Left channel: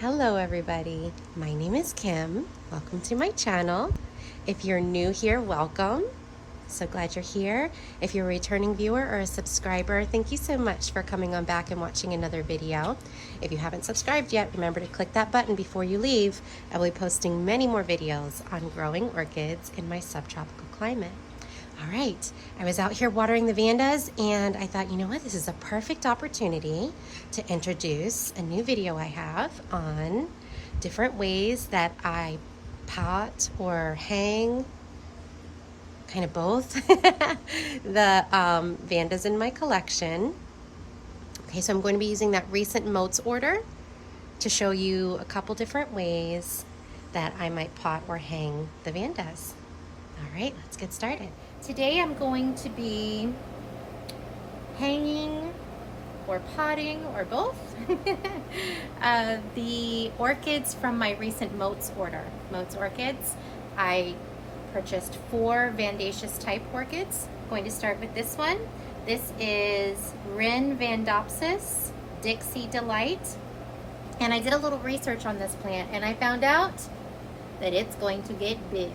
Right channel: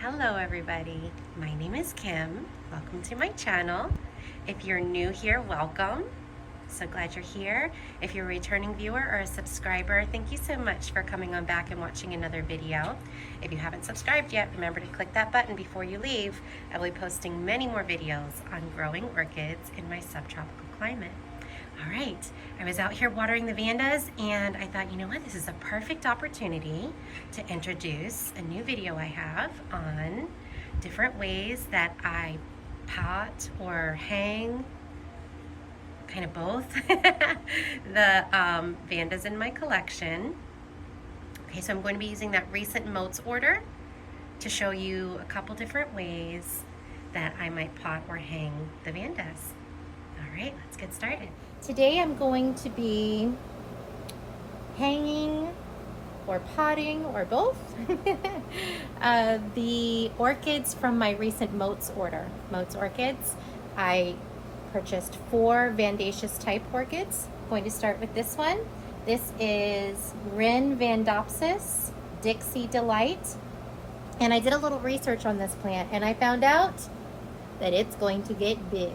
Hello everybody, my name is Kim. Welcome to my channel. If you're new here, welcome. So glad you're here. If you're a returning viewer or a subscriber, thank you so much for coming on back and watching another video. If you haven't subscribed yet, remember to click that button before you leave. I'll be posting many more videos on growing orchids in my subtropical climate. All right, I was out here watering the Vandas and I thought, you know what, this is a perfect opportunity to introduce a new video I have on different ways that I pot or hang, kind of both, the Vandas in my collection. Okay, so I'm going to be using that recent Motes order to show you a couple different ways that I might pot or hang the Vandas. All right, let's get started. Today I'm going to be hanging or potting or both the orchids from my recent Motes order. Motes orchids. I purchased 4 Vandaceous type orchids. I'm going to start with this one. This is Vandopsis Dixie Delight. And I did a little research on this plant and I found out that it's going to get big.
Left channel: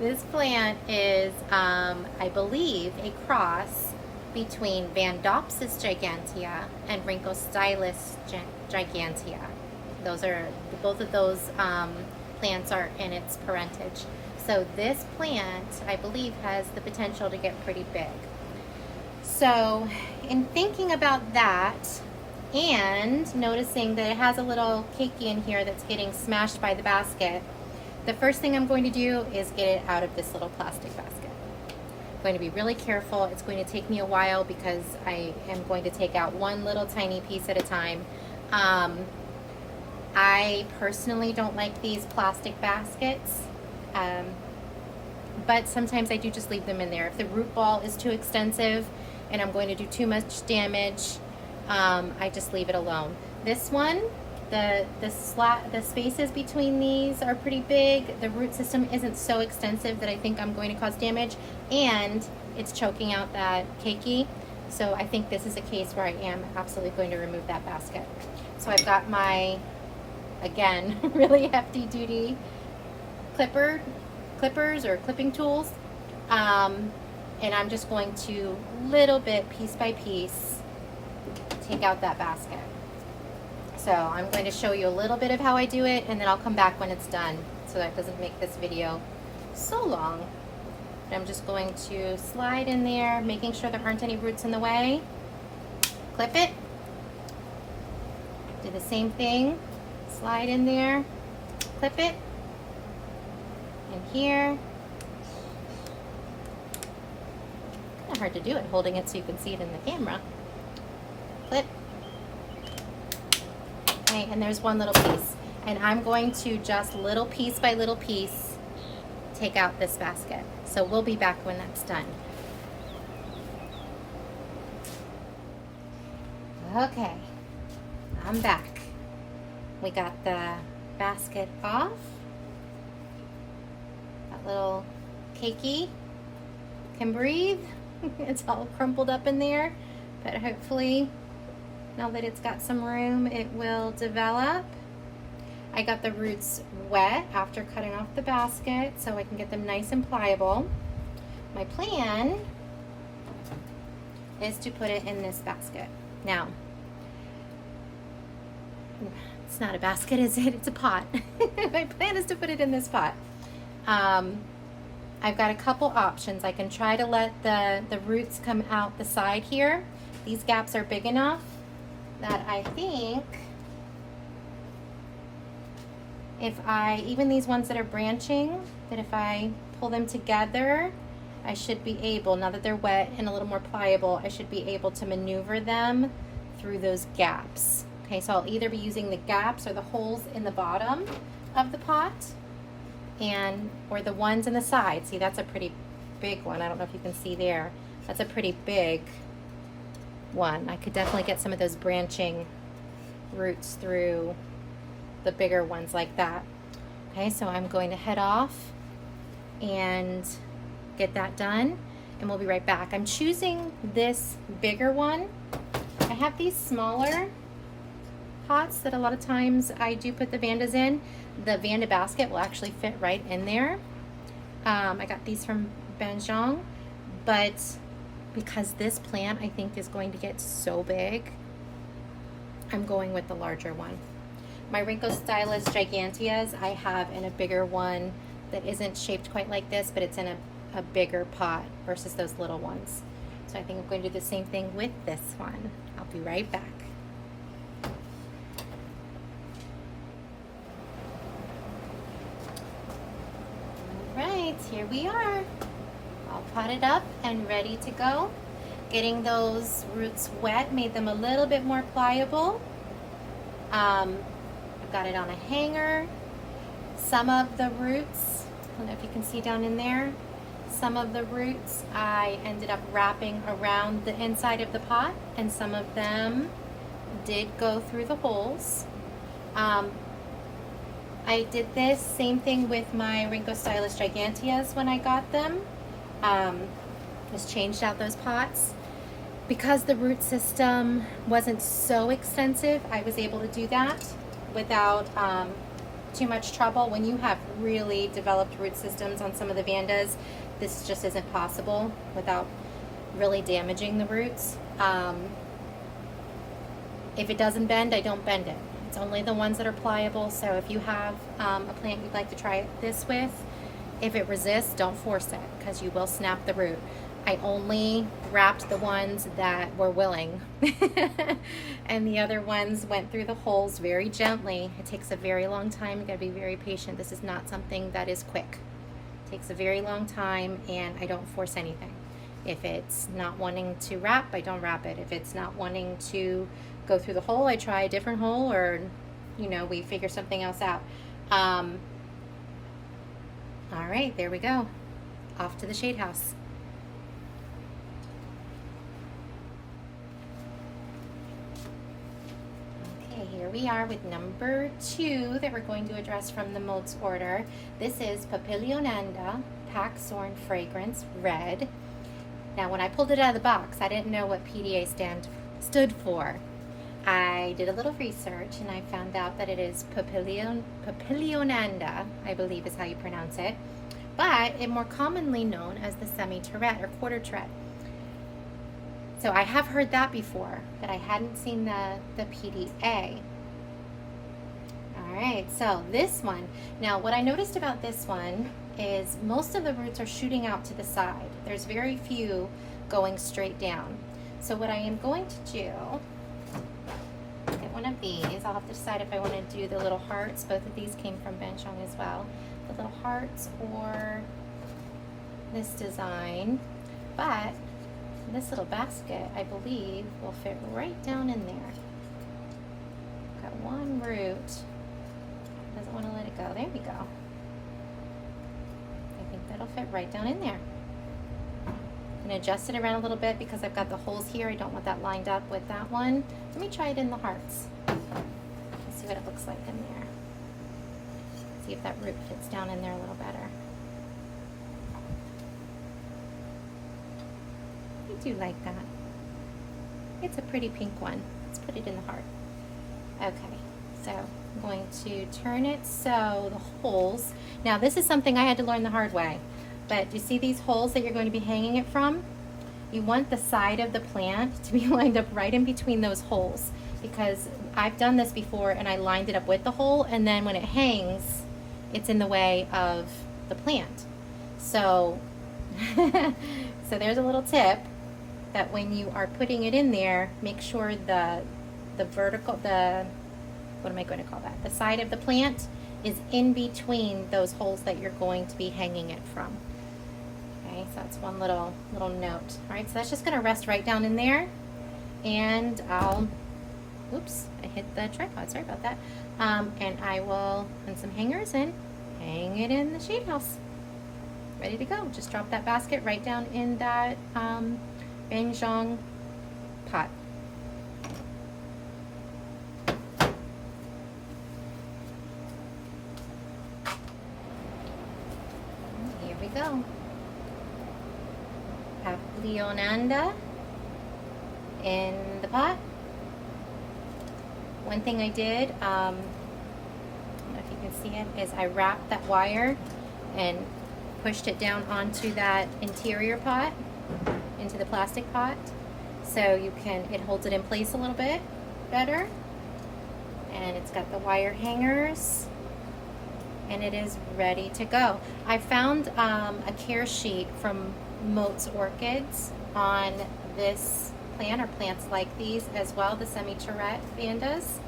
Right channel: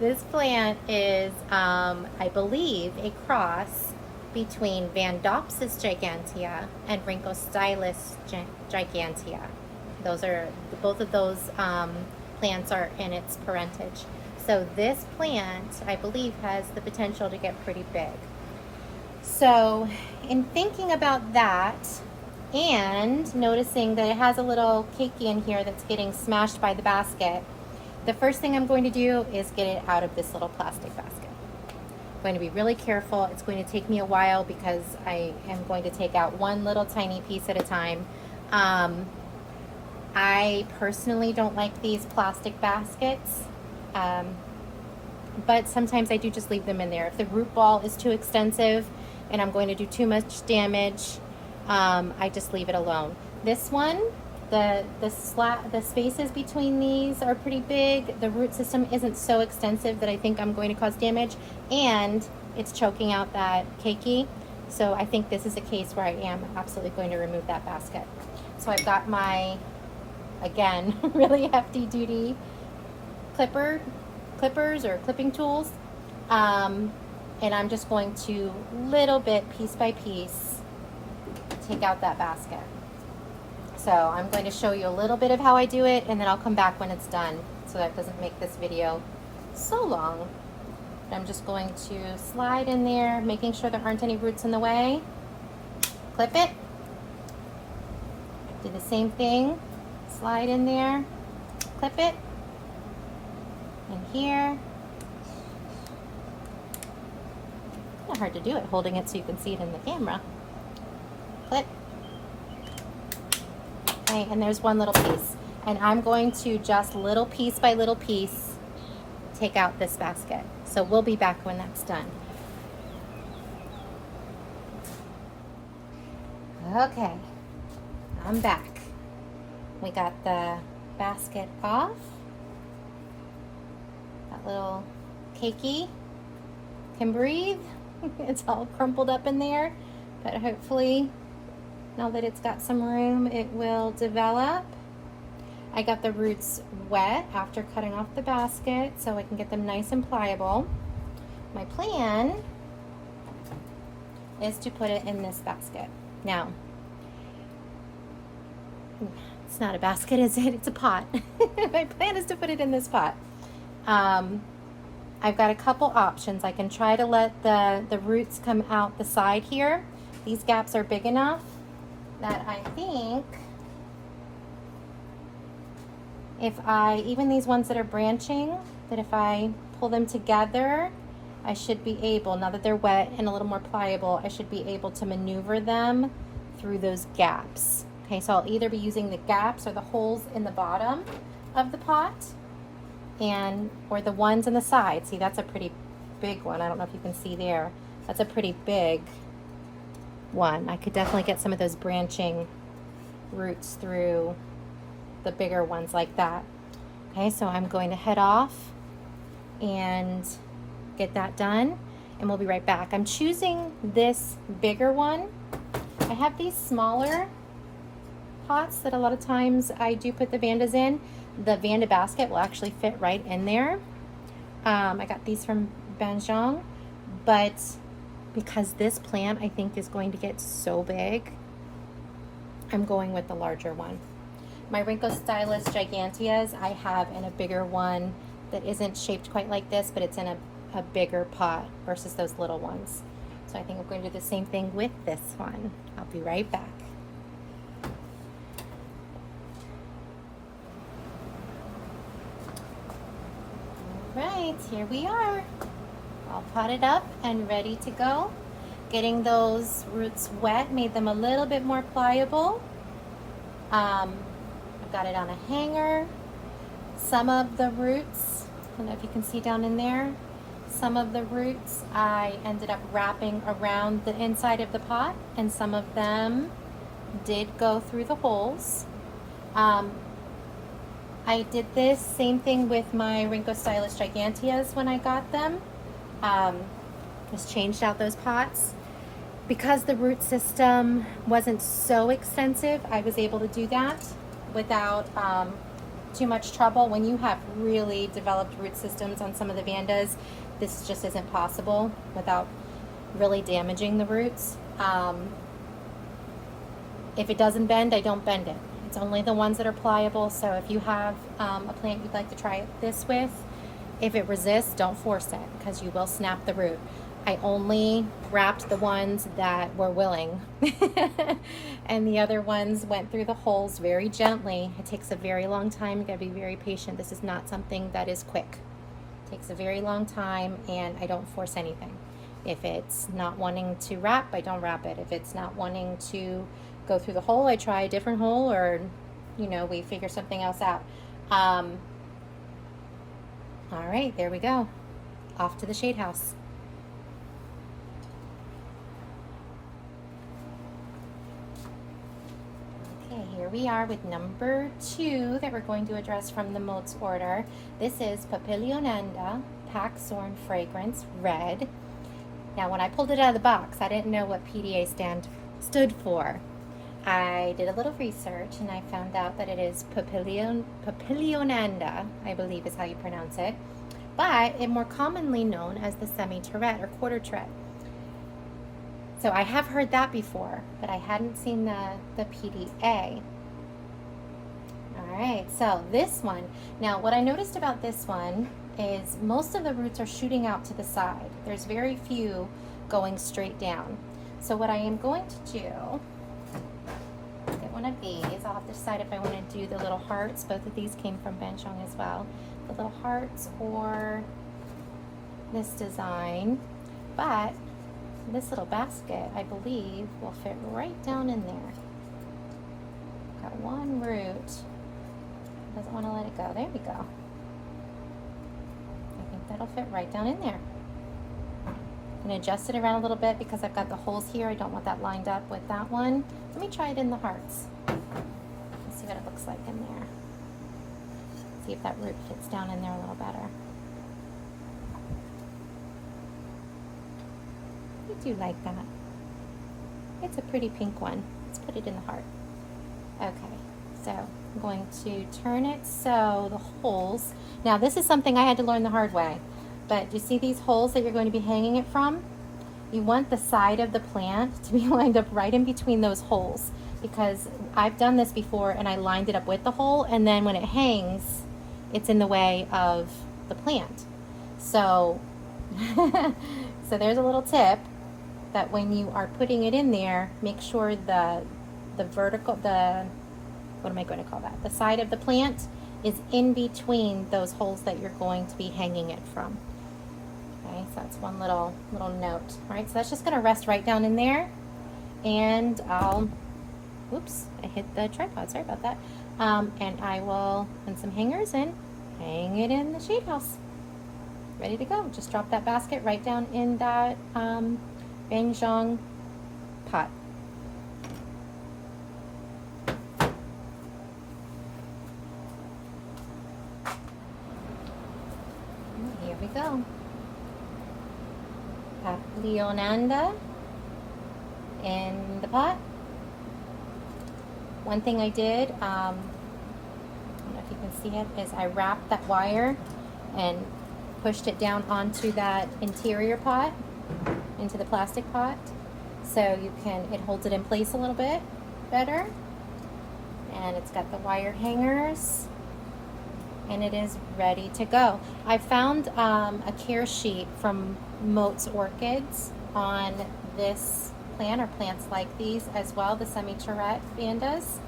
This plant is, I believe, a cross between Vandopsis gigantea and Rhynchostylus gigantea. Both of those plants are in its parentage. So this plant, I believe, has the potential to get pretty big. So in thinking about that and noticing that it has a little cakey in here that's getting smashed by the basket, the first thing I'm going to do is get it out of this little plastic basket. I'm going to be really careful. It's going to take me a while because I am going to take out one little tiny piece at a time. I personally don't like these plastic baskets, but sometimes I do just leave them in there. If the root ball is too extensive and I'm going to do too much damage, I just leave it alone. This one, the spaces between these are pretty big. The root system isn't so extensive that I think I'm going to cause damage, and it's choking out that keiki. So I think this is a case where I am absolutely going to remove that basket. So I've got my, again, really hefty duty clippers or clipping tools. And I'm just going to little bit, piece by piece, take out that basket. So I'm going to show you a little bit of how I do it, and then I'll come back when it's done so that it doesn't make this video so long. I'm just going to slide in there, making sure there aren't any roots in the way. Clip it. Do the same thing. Slide in there, clip it. And here. Kind of hard to do it holding it so you can see it in the camera. Clip. Okay, and there's one little piece. And I'm going to just little piece by little piece take out this basket. So we'll be back when that's done. Okay, I'm back. We got the basket off. That little keiki can breathe. It's all crumpled up in there, but hopefully now that it's got some room, it will develop. I got the roots wet after cutting off the basket so I can get them nice and pliable. My plan is to put it in this basket. Now, it's not a basket, is it? It's a pot. My plan is to put it in this pot. I've got a couple options. I can try to let the roots come out the side here. These gaps are big enough that I think if even these ones that are branching, that if I pull them together, I should be able, now that they're wet and a little more pliable, I should be able to maneuver them through those gaps. Okay, so I'll either be using the gaps or the holes in the bottom of the pot or the ones in the side. See, that's a pretty big one. I don't know if you can see there. That's a pretty big one. I could definitely get some of those branching roots through the bigger ones like that. Okay, so I'm going to head off and get that done, and we'll be right back. I'm choosing this bigger one. I have these smaller pots that a lot of times I do put the Vandas in, the Vanda basket will actually fit right in there. I got these from Banjong, but because this plant I think is going to get so big, I'm going with the larger one. My Rinkostylus giganteas I have in a bigger one that isn't shaped quite like this, but it's in a bigger pot versus those little ones. So I think I'm going to do the same thing with this one. I'll be right back. All right, here we are. All potted up and ready to go. Getting those roots wet made them a little bit more pliable. I've got it on a hanger. Some of the roots, I don't know if you can see down in there, some of the roots I ended up wrapping around the inside of the pot, and some of them did go through the holes. I did this same thing with my Rinkostylus giganteas when I got them. Just changed out those pots. Because the root system wasn't so extensive, I was able to do that without too much trouble. When you have really developed root systems on some of the Vandas, this just isn't possible without really damaging the roots. If it doesn't bend, I don't bend it. It's only the ones that are pliable. So if you have a plant you'd like to try this with, if it resists, don't force it because you will snap the root. I only wrapped the ones that were willing and the other ones went through the holes very gently. It takes a very long time. You gotta be very patient. This is not something that is quick. It takes a very long time, and I don't force anything. If it's not wanting to wrap, I don't wrap it. If it's not wanting to go through the hole, I try a different hole, or you know, we figure something else out. All right, there we go. Off to the shade house. Here we are with number 2 that we're going to address from the molds order. This is Papilionanda Paxorn Fragrance Red. Now when I pulled it out of the box, I didn't know what PDA stood for. I did a little research and I found out that it is Papilionanda, I believe is how you pronounce it, but it's more commonly known as the semi-tourette or quarter tourette. So I have heard that before, but I hadn't seen the PDA. All right, so this one. Now, what I noticed about this one is most of the roots are shooting out to the side. There's very few going straight down. So what I am going to do, get one of these. I'll have to decide if I want to do the little hearts. Both of these came from Banjong as well. The little hearts or this design. But this little basket, I believe, will fit right down in there. Got one root. Doesn't want to let it go. There we go. I think that'll fit right down in there. I'm going to adjust it around a little bit because I've got the holes here. I don't want that lined up with that one. Let me try it in the hearts. Let's see what it looks like in there. See if that root fits down in there a little better. I do like that. It's a pretty pink one. Let's put it in the heart. Okay, so I'm going to turn it so the holes, now this is something I had to learn the hard way, but do you see these holes that you're going to be hanging it from? You want the side of the plant to be lined up right in between those holes, because I've done this before and I lined it up with the hole, and then when it hangs, it's in the way of the plant. So, so there's a little tip that when you are putting it in there, make sure the vertical, what am I going to call that? The side of the plant is in between those holes that you're going to be hanging it from. Okay, so that's one little note. All right, so that's just going to rest right down in there, and I'll, oops, I hit the tripod, sorry about that. And I will put some hangers in, hang it in the shade house. Ready to go. Just drop that basket right down in that Banjong pot. Here we go. Papilionanda in the pot. One thing I did, I don't know if you can see it, is I wrapped that wire and pushed it down onto that interior pot, into the plastic pot, so you can, it holds it in place a little bit better. And it's got the wire hangers, and it is ready to go. I found a care sheet from Moats Orchids on this plant, or plants like these as well, the semi-charrette Vandas.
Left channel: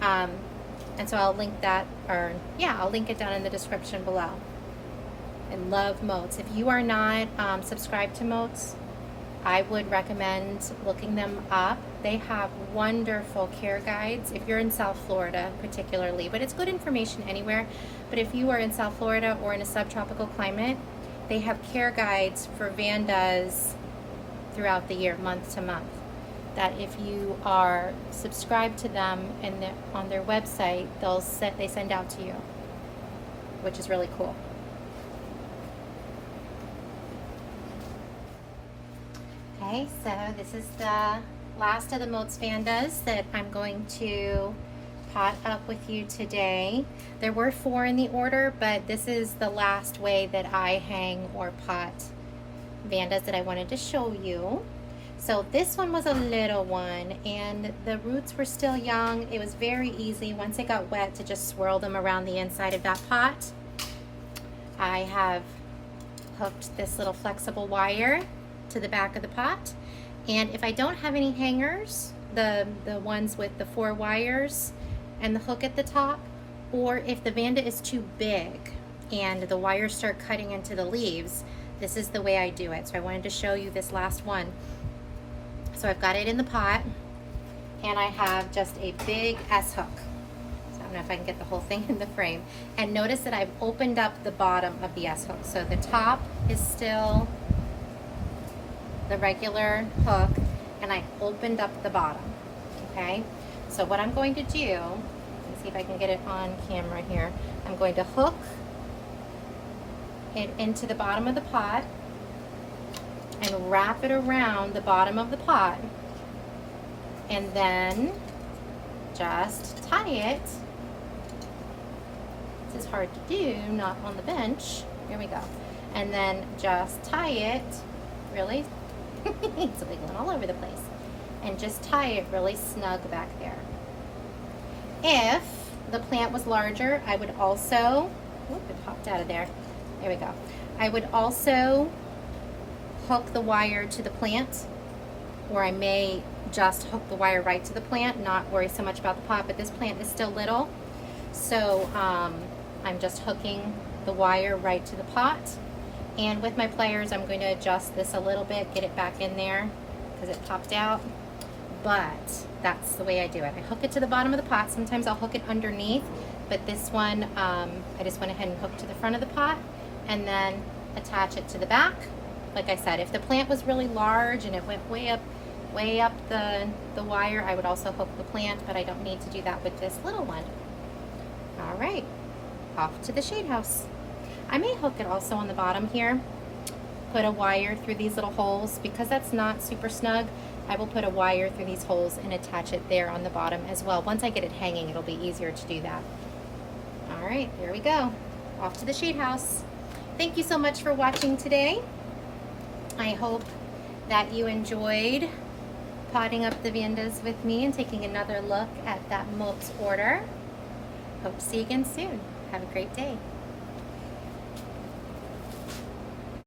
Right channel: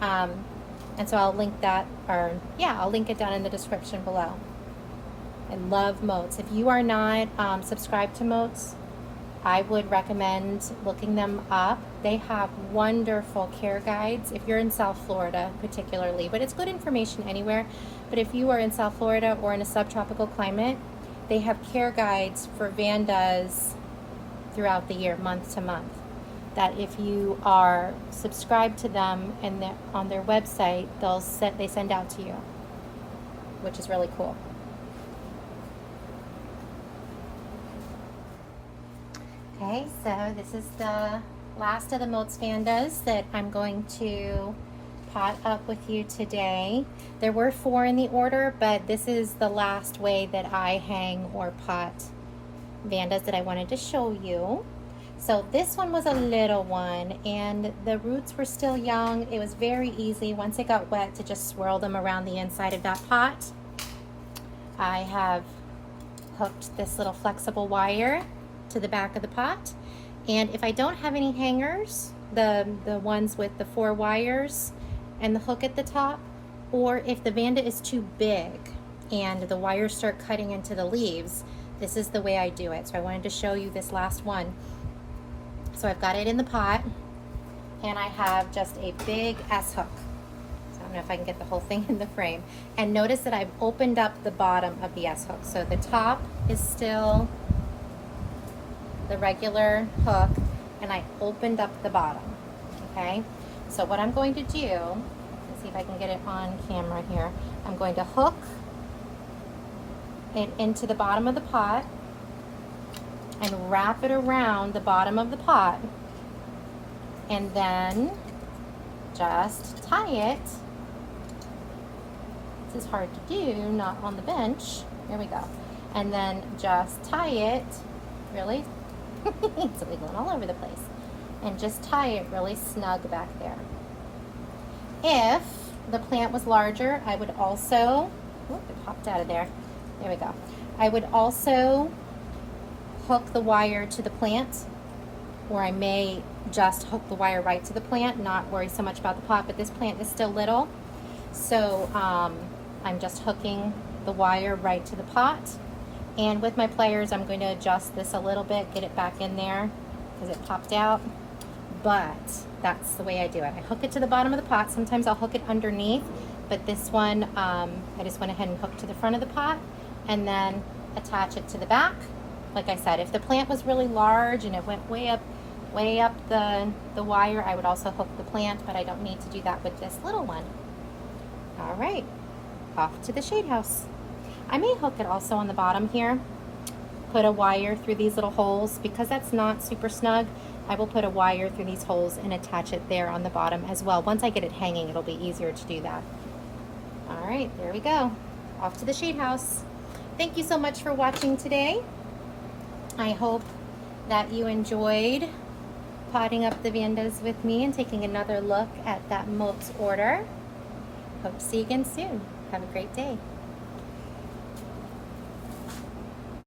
And so I'll link that, or yeah, I'll link it down in the description below. I love Moats. If you are not subscribed to Moats, I would recommend looking them up. They have wonderful care guides if you're in South Florida particularly, but it's good information anywhere. But if you are in South Florida or in a subtropical climate, they have care guides for Vandas throughout the year, month to month, that if you are subscribed to them and on their website, they send out to you, which is really cool. Okay, so this is the last of the Moats Vandas that I'm going to pot up with you today. There were 4 in the order, but this is the last way that I hang or pot Vandas that I wanted to show you. So this one was a little one, and the roots were still young. It was very easy once it got wet to just swirl them around the inside of that pot. I have hooked this little flexible wire to the back of the pot, and if I don't have any hangers, the ones with the 4 wires and the hook at the top, or if the Vanda is too big and the wires start cutting into the leaves, this is the way I do it. So I wanted to show you this last one. So I've got it in the pot, and I have just a big S hook. So I don't know if I can get the whole thing in the frame. And notice that I've opened up the bottom of the S hook. So the top is still the regular hook, and I opened up the bottom. Okay, so what I'm going to do, let's see if I can get it on camera here. I'm going to hook it into the bottom of the pot and wrap it around the bottom of the pot, and then just tie it. This is hard to do, not on the bench. Here we go. And then just tie it really it's wiggling all over the place, and just tie it really snug back there. If the plant was larger, I would also, whoop, it popped out of there. There we go. I would also hook the wire to the plant, or I may just hook the wire right to the plant, not worry so much about the pot, but this plant is still little, so I'm just hooking the wire right to the pot. And with my pliers, I'm going to adjust this a little bit, get it back in there because it popped out. But that's the way I do it. I hook it to the bottom of the pot. Sometimes I'll hook it underneath, but this one, I just went ahead and hooked to the front of the pot and then attach it to the back. Like I said, if the plant was really large and it went way up the wire, I would also hook the plant, but I don't need to do that with this little one. All right, off to the shade house. I may hook it also on the bottom here, put a wire through these little holes. Because that's not super snug, I will put a wire through these holes and attach it there on the bottom as well. Once I get it hanging, it'll be easier to do that. All right, there we go. Off to the shade house. Thank you so much for watching today. I hope that you enjoyed potting up the Vandas with me and taking another look at that Moats order. Hope to see you again soon. Have a great day.